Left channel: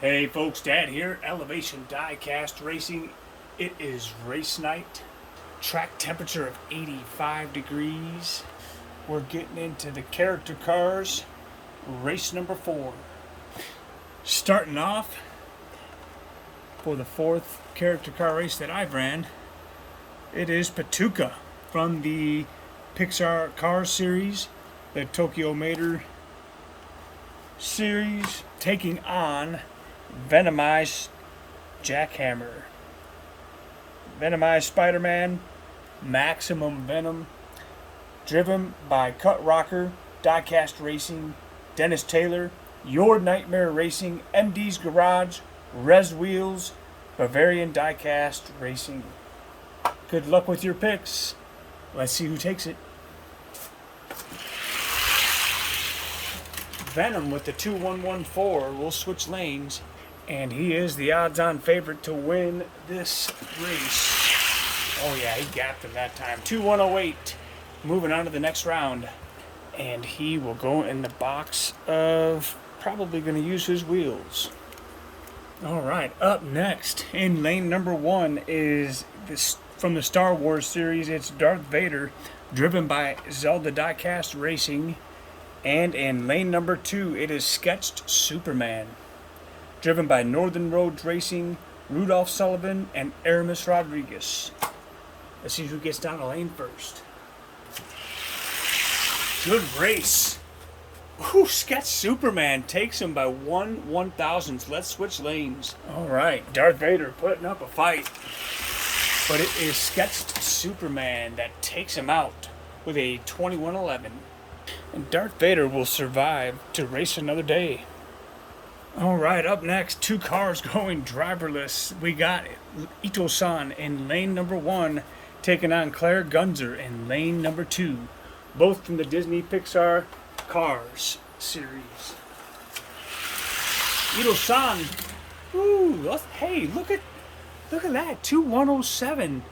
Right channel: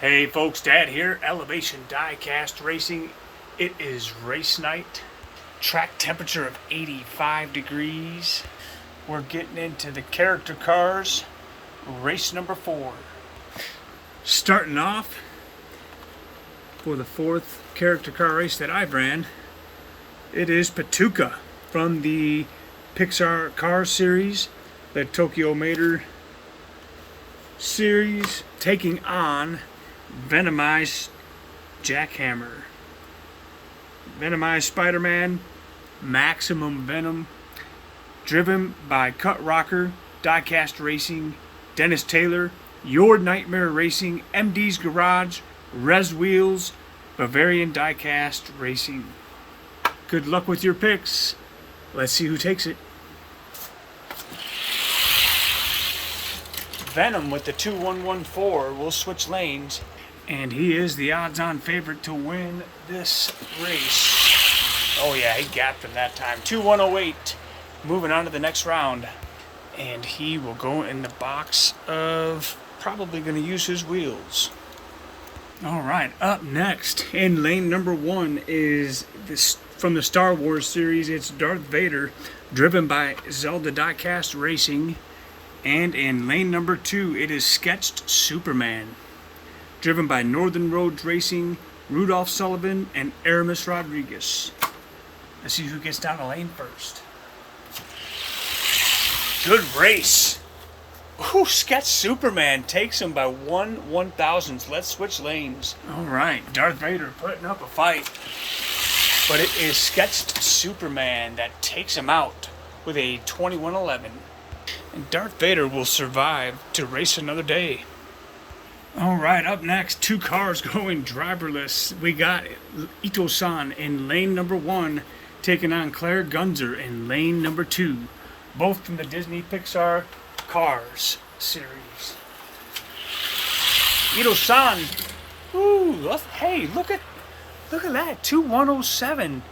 Hey folks, Dad here, Elevation Diecast Racing. It is race night. Track temperature of 85 degrees. We're getting into the character cars, race number 4. Starting off for the 4th character car race that I've ran, it is PIK from the Pixar Car series, the Tokyo Mater series, taking on Venomized Jackhammer, Venomized Spider-Man, Maximum Venom, driven by Cut Rocker, Diecast Racing, Dennis Taylor, Your Nightmare Racing, MD's Garage, Res Wheels, Bavarian Diecast Racing. Good luck with your picks. Let's see who takes it. Venom with the 2114 will switch lanes, and he is the odds-on favorite to win this race. Oh yeah, he got them that time. 2108, moving on to the next round, and he will go in the box of probably going to use his wheels. All right, up next in lane number 1 is this from the Star Wars series. It's Darth Vader, driven by Zelda Diecast Racing. And in lane number 2, it is Sketched Superman, driven by Northern Roads Racing, Rudolph Sullivan, and Aramis Rodriguez. Let's see who gets down the lane first. Good race. Ooh, Sketched Superman takes him by 1/1000th. Let's switch lanes. All right, Darth Vader putting up a fight. But it is Sketched Superman that takes him out with a 2111. And Darth Vader will survive to race another day. All right, up next, 2 cars going driverless. We got Ito-san in lane number 1, taking on Claire Gunzer in lane number 2, both from the Disney Pixar Cars series. Ito-san, ooh, hey, look at that, 2107.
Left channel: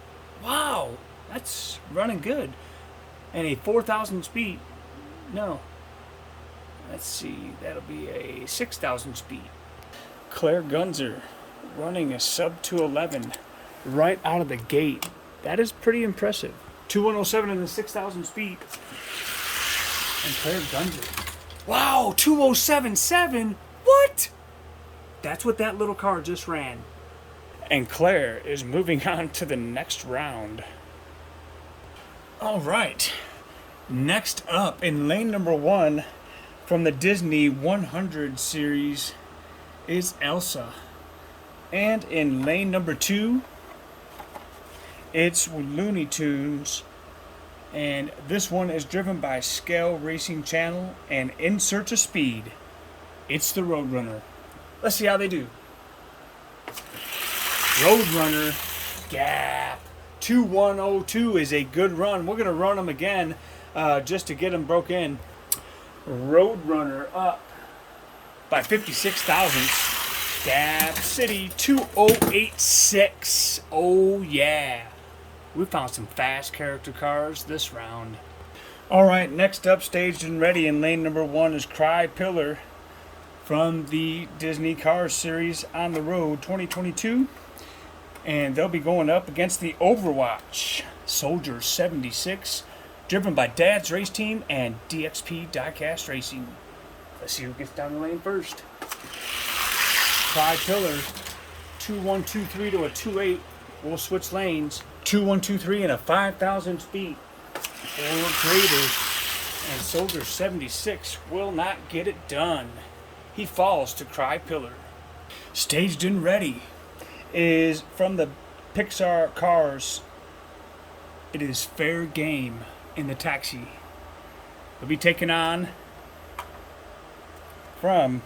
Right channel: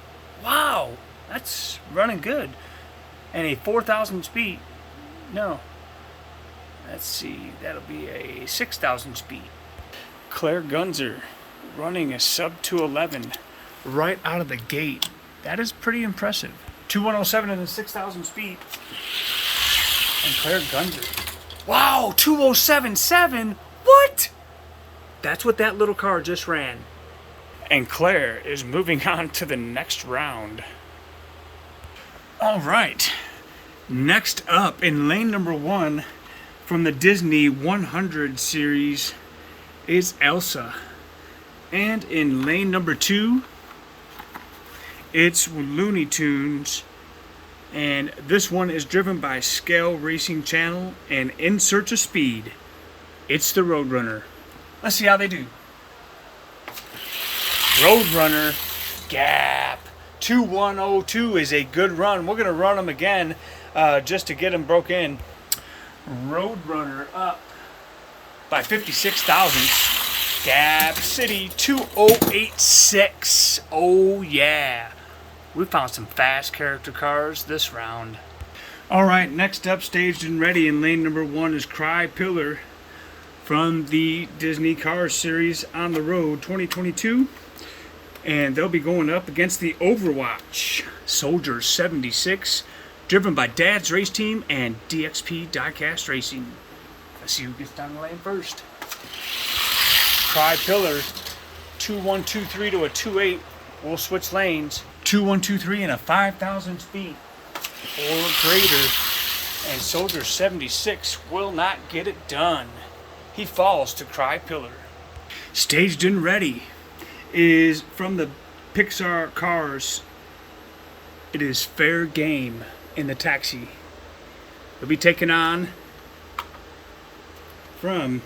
Wow, that's running good. And a 4,000 speed. No. Let's see. That'll be a 6,000 speed. Claire Gunzer running a sub 211 right out of the gate. That is pretty impressive. 2107 and a 6,000 speed. And Claire Gunzer. Wow, 2077. What? That's what that little car just ran. And Claire is moving on to the next round. All right. Next up, in lane number 1, from the Disney 100 series, is Elsa. And in lane number 2, it's Looney Tunes. And this one is driven by Scale Racing Channel and In Search of Speed. It's the Roadrunner. Let's see how they do. Roadrunner gap. 2102 is a good run. We're going to run them again. Just to get them broke in. Roadrunner up by 56 thousandths. Gap City 2086. Oh yeah, we found some fast character cars this round. All right, next up, staged and ready in lane number 1 is Cry Pillar from the Disney Cars series On the Road 2022, and they'll be going up against the Overwatch Soldier 76. Driven by Dad's Race Team and DXP Diecast Racing. Let's see who gets down the lane first. Cry Pillar, 2123 to a 28. We'll switch lanes. 2123 and a 5,000 speed or greater. And Soldier 76 will not get it done. He falls to Cry Pillar. Staged and ready is from the Pixar Cars. It is Fair Game in the taxi. They'll be taken on from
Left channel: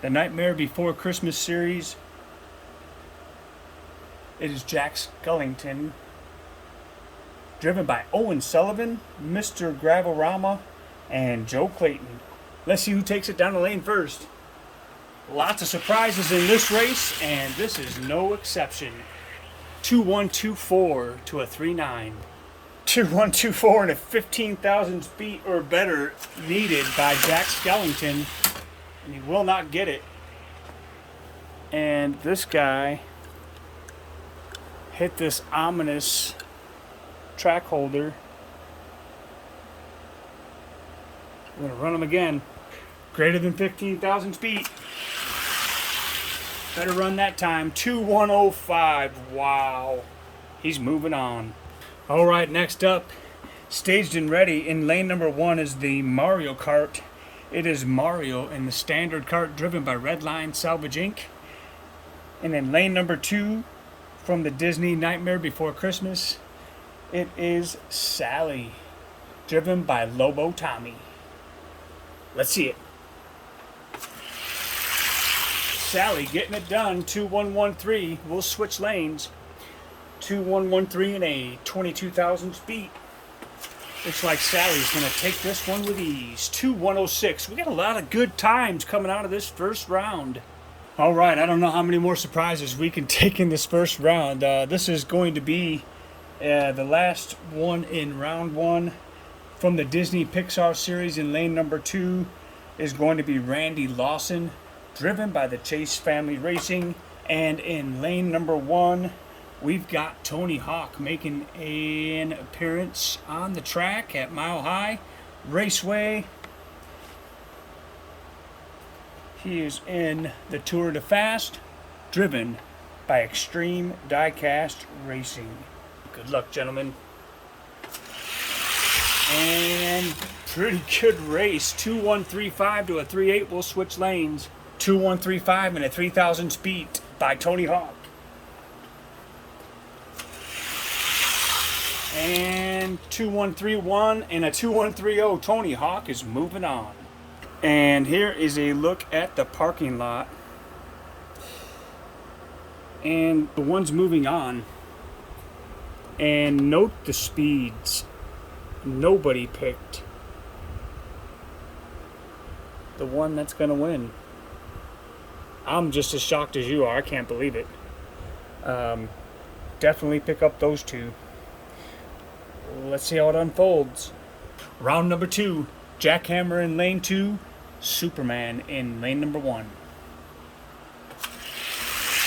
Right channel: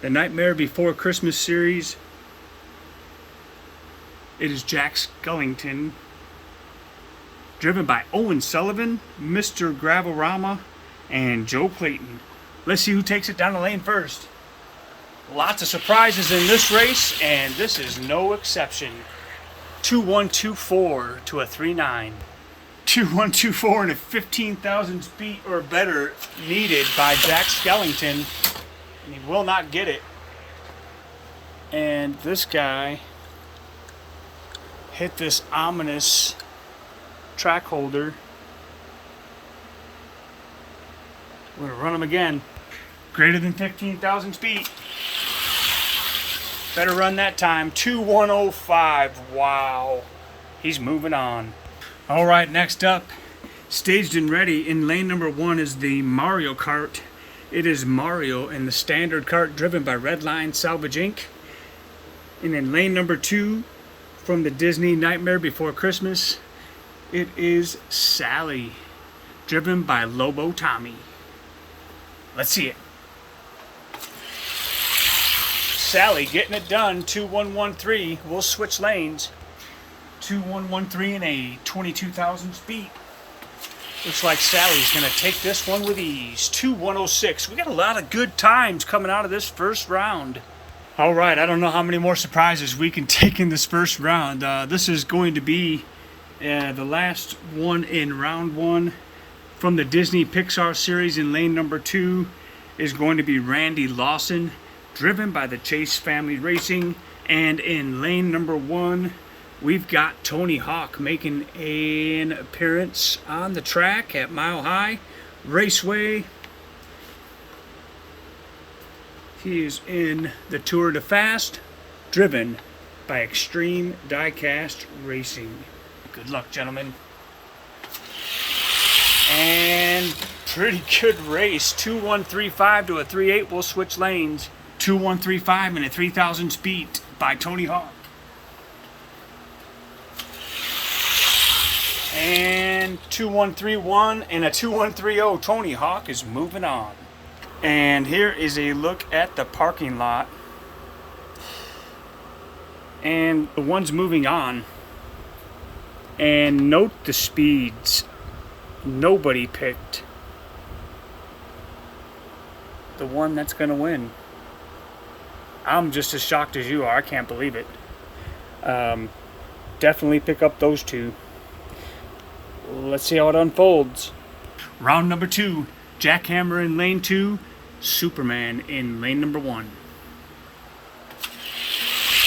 the Nightmare Before Christmas series. It is Jack Skellington, driven by Owen Sullivan, Mr. Gravelrama, and Joe Clayton. Let's see who takes it down the lane first. Lots of surprises in this race, and this is no exception. 2124 to a 39. 2124 and a 15,000 speed or better needed by Jack Skellington, and he will not get it. And this guy hit this ominous track holder. We're going to run him again. Greater than 15,000 feet. Better run that time. 2105. Wow. He's moving on. All right, next up, staged and ready in lane number 1 is the Mario Kart. It is Mario in the standard kart driven by Redline Salvage Inc. And in lane number 2 from the Disney Nightmare Before Christmas, it is Sally driven by Lobo Tommy. Let's see it. Sally getting it done. 2113. We'll switch lanes. 2113 in a 22,000 speed. Looks like Sally's going to take this one with ease. 2106. We got a lot of good times coming out of this first round. All right, I don't know how many more surprises we can take in this first round. This is going to be the last one in round 1 from the Disney Pixar series. In lane number 2 is going to be Randy Lawson, driven by the Chase Family Racing. And in lane number 1, we've got Tony Hawk making an appearance on the track at Mile High Raceway. He is in the Tour de Fast, driven by Extreme Diecast Racing. Good luck, gentlemen. And pretty good race. 2135 to a 38. We'll switch lanes. 2135 and a 3,000 speed by Tony Hawk. And 2131 and a 2130. Tony Hawk is moving on. And here is a look at the parking lot. And the one's moving on. And note the speeds. Nobody picked the one that's going to win. I'm just as shocked as you are. I can't believe it. Definitely pick up those two. Let's see how it unfolds. Round number 2. Jackhammer in lane 2. Superman in lane number 1.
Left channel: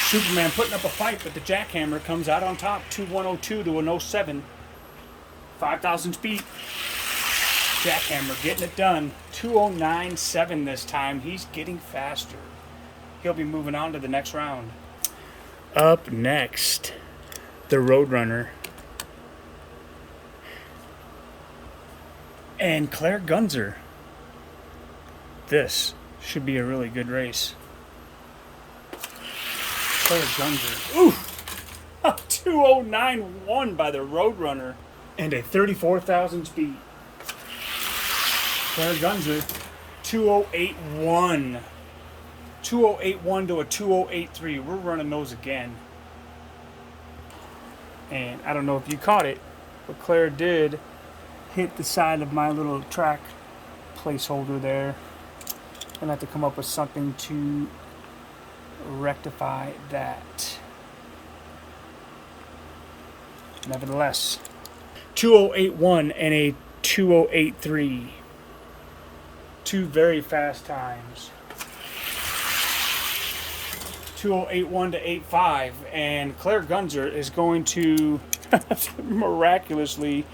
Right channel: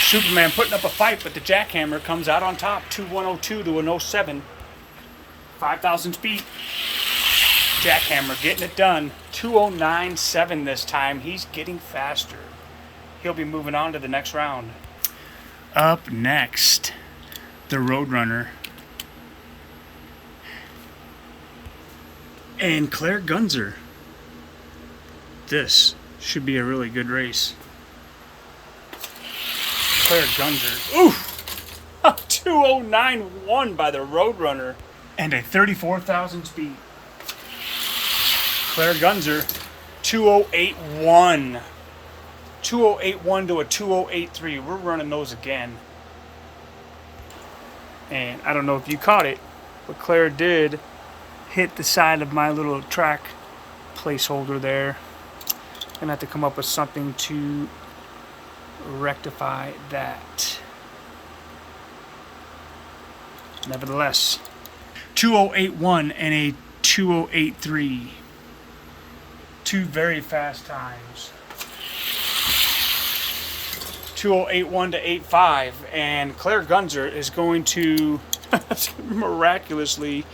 Superman putting up a fight, but the Jackhammer comes out on top. 2102 to an 07. 5,000 feet. Jackhammer getting it done. 2097 this time. He's getting faster. He'll be moving on to the next round. Up next, the Roadrunner. And Claire Gunzer. This should be a really good race. Claire Gunzer. Oof! A 2091 by the Roadrunner. And a 34,000 speed. Claire Gunzer. 2081. 2081 to a 2083. We're running those again. And I don't know if you caught it, but Claire did hit the side of my little track placeholder there. Gonna have to come up with something to rectify that. Nevertheless, 2081 and a 2083. Two very fast times. 2081 to 85, and Claire Gunzer is going to miraculously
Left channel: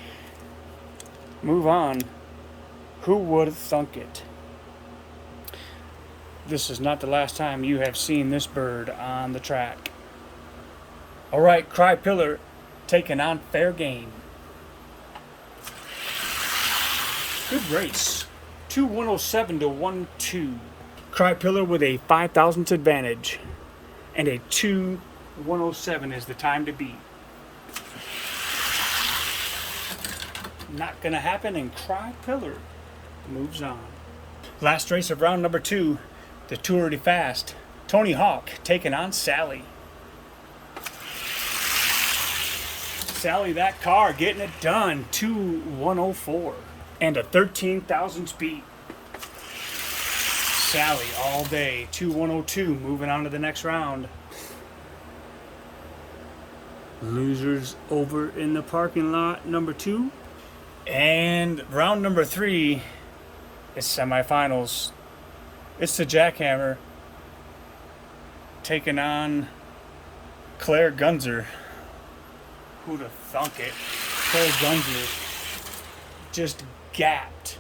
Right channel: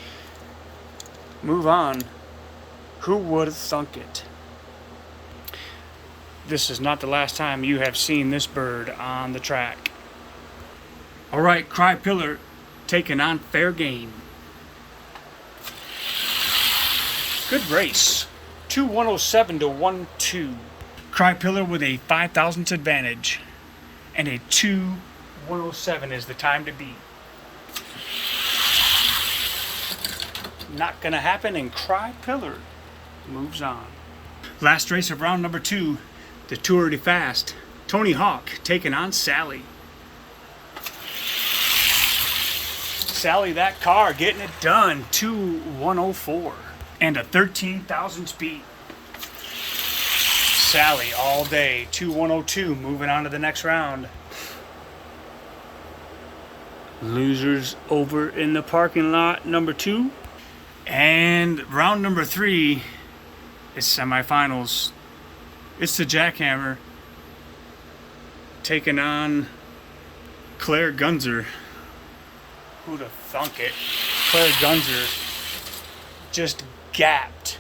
move on. Who would have thunk it? This is not the last time you have seen this bird on the track. All right, Cry Pillar taking on Fair Game. Good race. 2107 to 12. Cry Pillar with a 5,000th advantage. And a 2107 is the time to beat. Not gonna happen, and Cry Pillar moves on. Last race of round number 2, the Tour de Fast. Tony Hawk taking on Sally. Sally, that car, getting it done. 2104 and a 13,000 speed. Sally all day. 2102, moving on to the next round. Losers over in the parking lot, number 2. And round number 3 is semifinals. It's the Jackhammer taking on Claire Gunzer. Who'd have thunk it? Claire Gunzer just gapped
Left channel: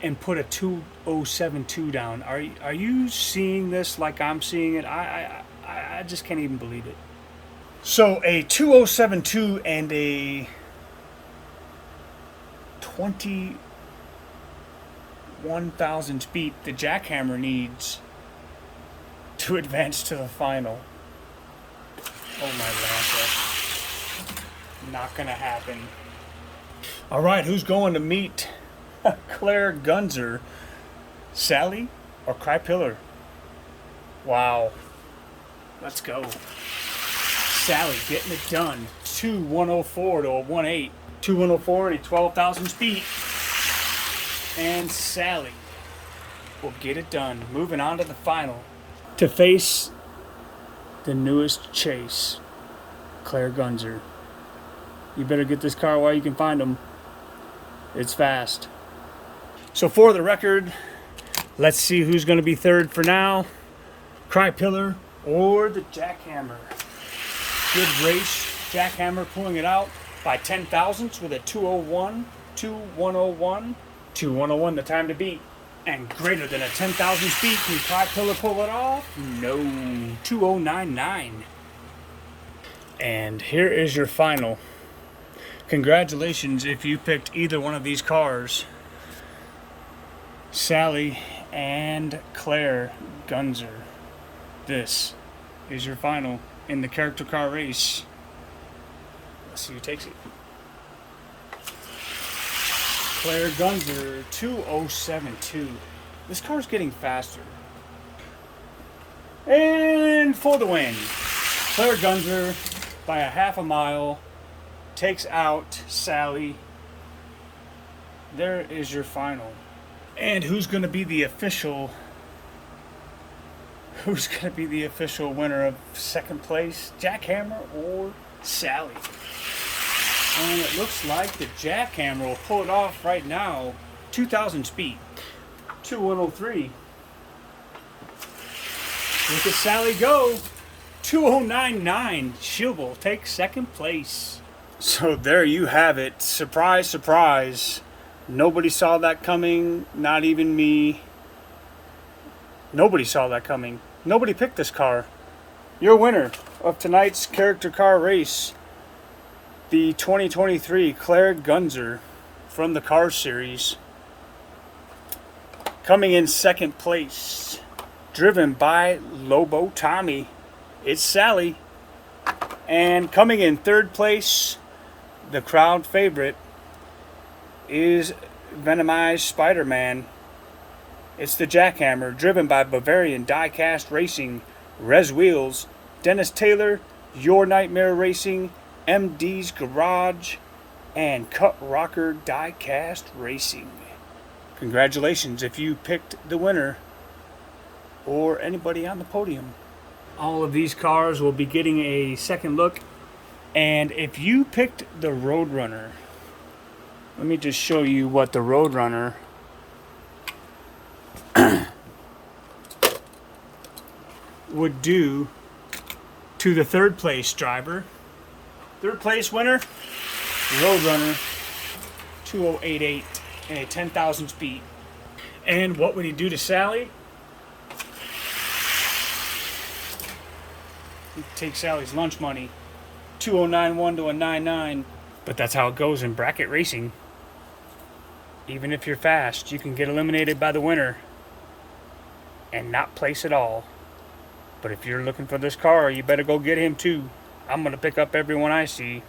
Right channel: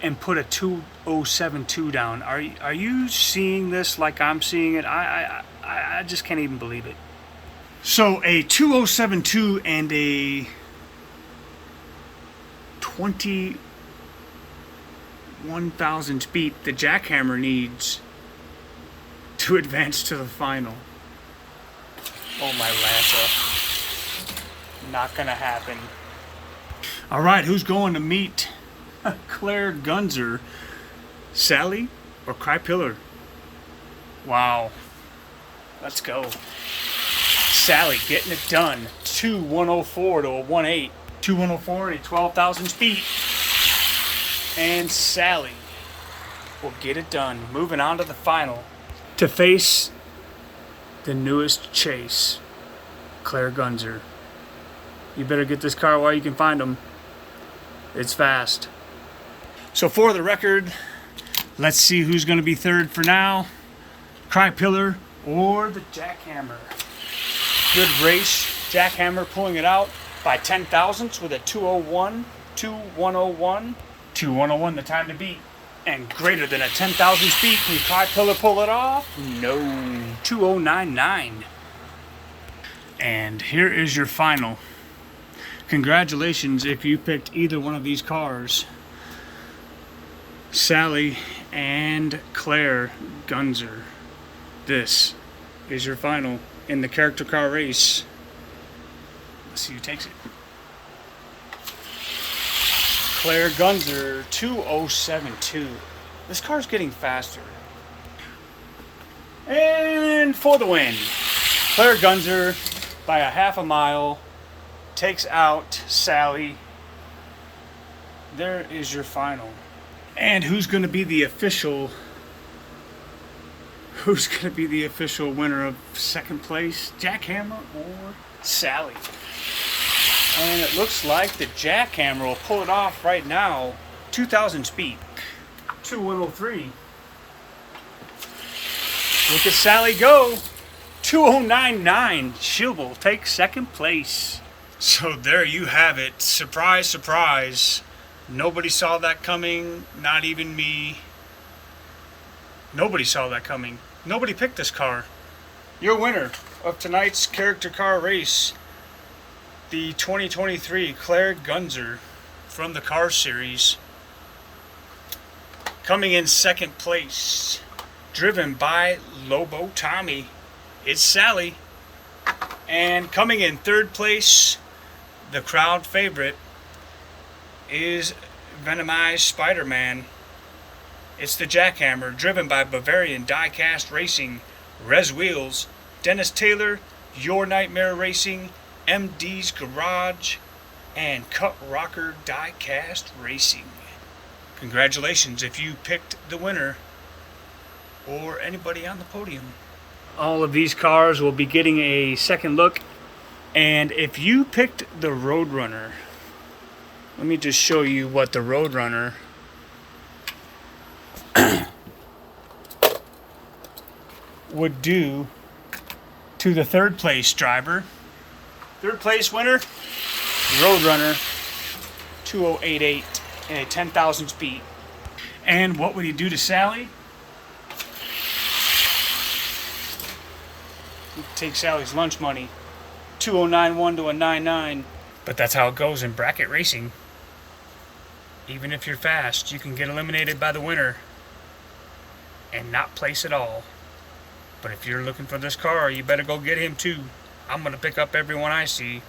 and put a 2072 down. Are you seeing this like I'm seeing it? I just can't even believe it. So a 2072 and a 21,000 speed the jackhammer needs to advance to the final. Oh my Lanta. Not gonna happen. Alright, who's going to meet Claire Gunzer? Sally or Cry Pillar? Wow. Let's go. Sally getting it done. 2,104 to a 1.8. 2,104 and 12,000 speed. And Sally will get it done. Moving on to the final. To face the newest chase, Claire Gunzer. You better get this car while you can find them. It's fast. So for the record, let's see who's going to be third for now. Cry Pillar or the Jackhammer. Good race. Jackhammer pulling it out by 10 thousandths with a 201, 2,101, 2,101 the time to beat. And greater than a 10,000 speed. Can Cry Pillar pull it off? No. 2,099. And here is your final. Congratulations if you picked either one of these cars. Sally and Claire Gunzer. This is your final in the character car race. Let's see who takes it. Claire Gunzer, 2072. This car's getting faster. And for the win, Claire Gunzer by a half a mile takes out Sally. There is your final. And who's going to be the official winner of second place? Jackhammer or Sally? And it looks like the Jackhammer will pull it off right now. 2,000 speed. 2,103. Look at Sally go. 2,099. She will take second place. So there you have it. Surprise, surprise. Nobody saw that coming. Not even me. Nobody saw that coming. Nobody picked this car. Your winner of tonight's character car race, the 2023 Claire Gunzer from the Cars series. Coming in second place, driven by Lobo Tommy, it's Sally. And coming in third place, the crowd favorite, is Venomized Spider-Man. It's the Jackhammer, driven by Bavarian Diecast Racing, Rez Wheels, Dennis Taylor, Your Nightmare Racing, MD's Garage, and Cut Rocker Diecast Racing. Congratulations if you picked the winner or anybody on the podium. All of these cars will be getting a second look. And if you picked the Roadrunner, let me just show you what the Roadrunner would do to the third place driver. Third place winner, Roadrunner, 2088 and a 10,000 speed. And what would he do to Sally? He'd take Sally's lunch money, 2091 to a 99. But that's how it goes in bracket racing. Even if you're fast, you can get eliminated by the winner and not place at all. But if you're looking for this car, you better go get him too. I'm going to pick up everyone I see,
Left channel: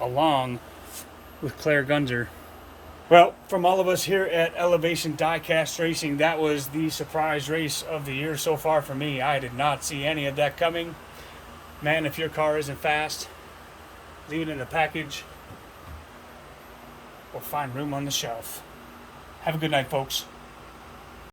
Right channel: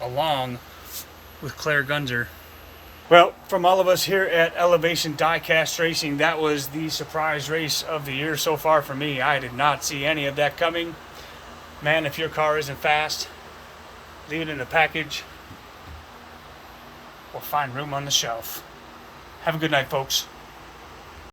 along with Claire Gunzer. Well, from all of us here at Elevation Diecast Racing, that was the surprise race of the year so far for me. I did not see any of that coming. Man, if your car isn't fast, leave it in a package or find room on the shelf. Have a good night, folks.